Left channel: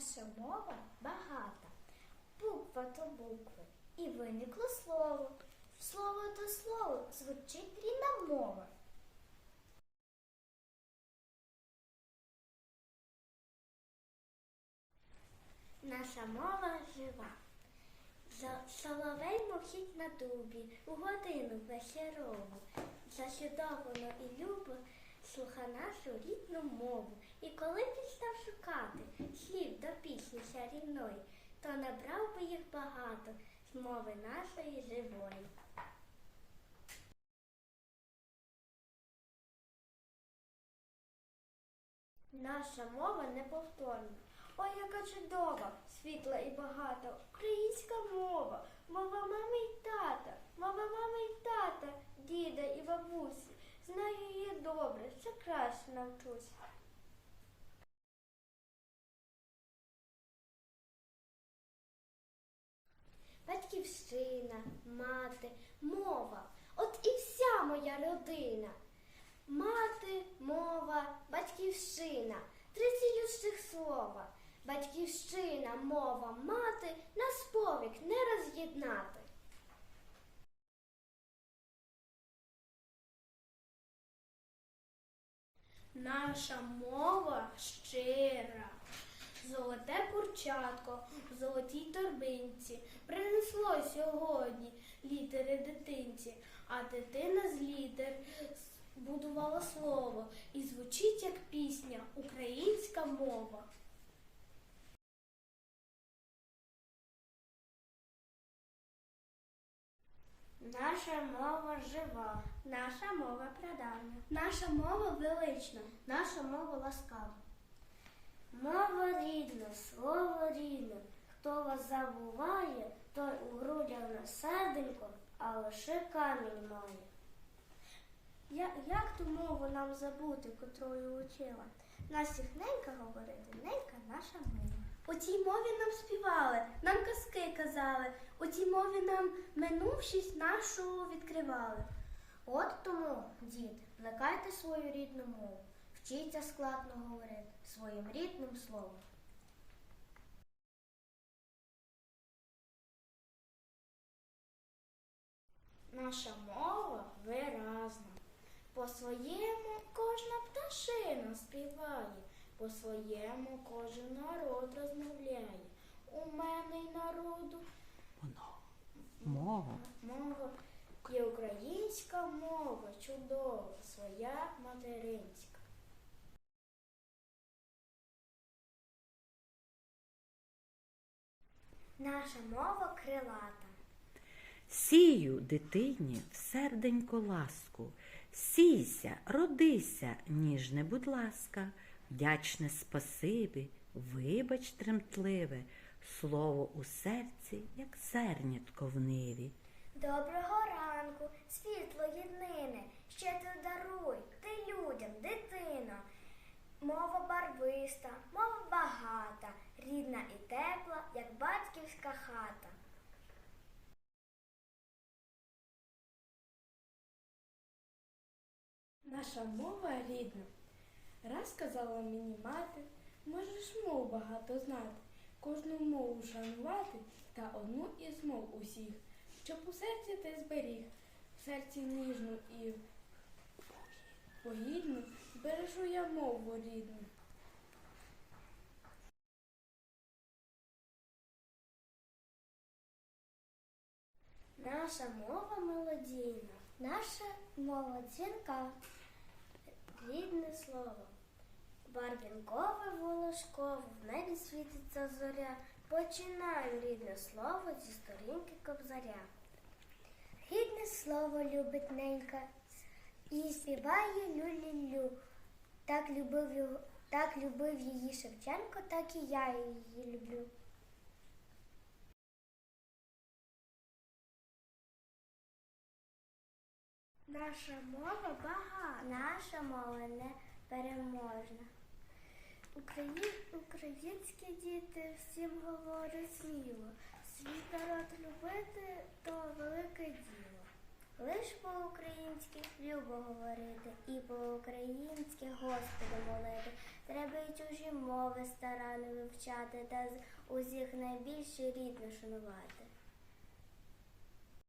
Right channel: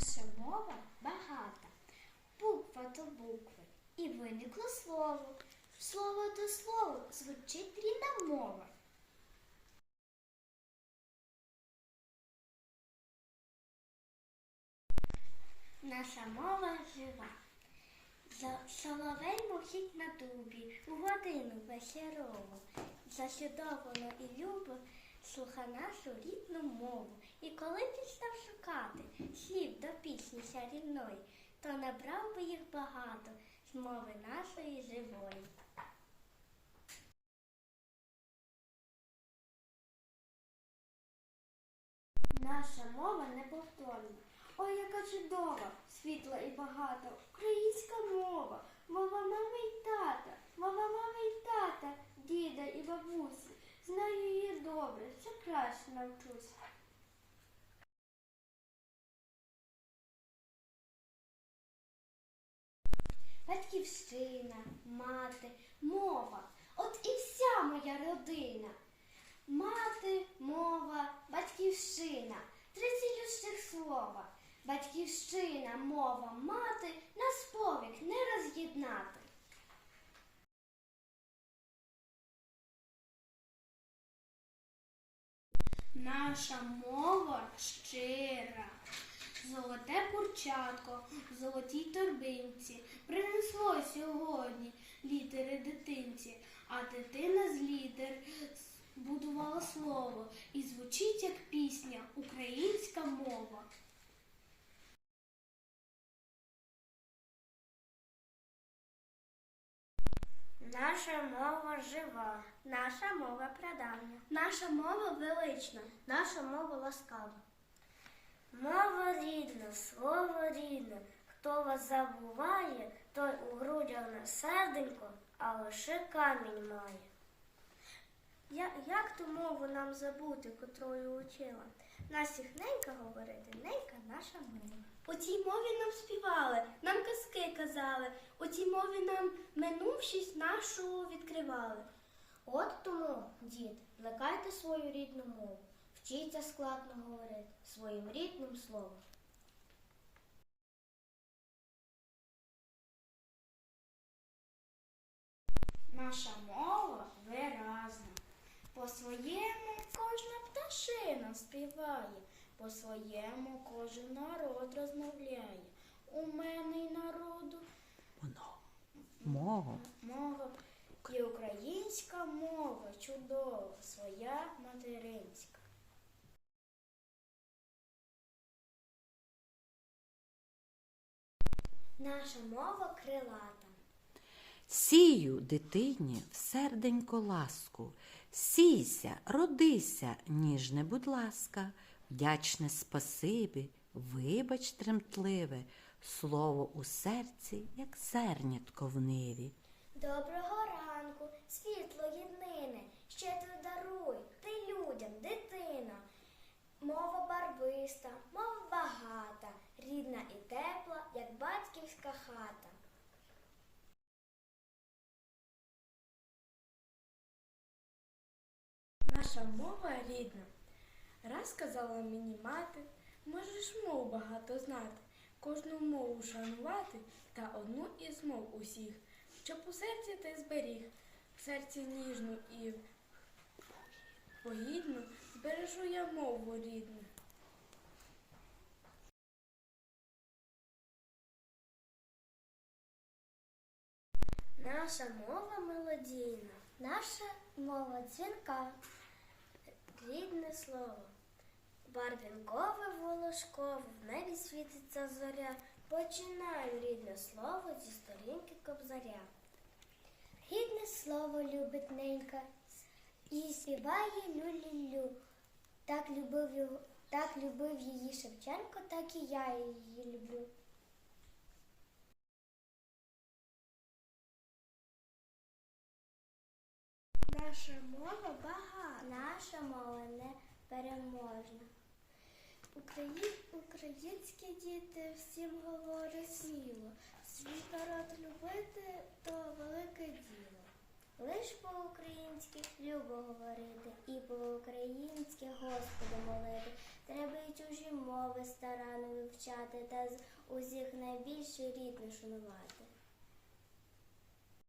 Наша мова багата, буква до букви. І виникло слово. Слово до слова звучить рідна мова. Наша мова жива. Соловей мовчить на дубі, у годину вечорову. Заслідовано і любо слуха нашу рідну мову. І коли пістав шукати слів до пісні чарівної, то набрав би їх багато з мови нашої живої. Наша мова неповторна. Ой, яка чудова, світла і багата. Українська мова, мова мами й тата, мова мами й тата, діда і бабусі. Знаю її добре, ще краще навчусь. Батьківщина, мати, мова. От і вся моя родина. Мати, мова, батьківщина. Три цілющих слова. Батьківщина, мова, мати нас повік не роз'єднати. Наша мова щира. Золоте курчатко в золотій торбинці принесло сьогодні літери дитинці, а дитина з літер будувала слово і звучить як пісня українська мова. Наша мова жива, наша мова прадавня, наша мова велична, наша мова ласкава. Мова рідна, слово рідне, хто вас забуває, той у грудях не серденько, а лише камінь має. Я, як ту мову нам забути, котрою учила? Нас їх ненька говорити, ненька наша мова. У цій мові нам співали, нам казки казали, у цій мові нам минувшість нашу відкривали. От тому, дід, плекайте свою рідну мову, вчіться складно говорити своїм рідним словом. Наша мова виразна. По своєму кожна пташина співає, по своєму кожен народ розмовляє. У мене й народу Воно. Мова. мова і українська мова чудова, своя материнська. Наша мова крилата. Сію дитині в серденько ласку. Сійся, родися, ніжне, будь ласка, вдячне спасибі, вибач тремтливе, слово у серці, як зернятко в ниві. Доброго ранку, світло єднине, ще ти даруй, ти людям, дитино. Мова барвиста, мова багата, рідна і тепла, як батьківська хата. Наша мова рідна. Раз казала мені мати, можеш мов багато знати, кожну мову шанувати та одну із мов усіх, щоб у серці ти зберіг, в серці ніжну і погідну збережу я мову рідну. Наша мова мелодійна, наша мова дзвінка, рідне слово. Барвінкове волошково, в небі світиться зоря. Починаю рідне слово зі сторінки кобзаря. Рідне слово любить ненька і співає лю-лю-лю. Так любив його, так любив її Шевченко, так і я її люблю. Наша мова багата, наша мова непереможна. Україн, українські діти всім говорять сміло. Свій народ любити то велике діло. Лиш по-українськи любо говорити і по-українськи Господа молити. Треба й чужі мови старанно вивчати та з усіх найбільше рідне шанувати.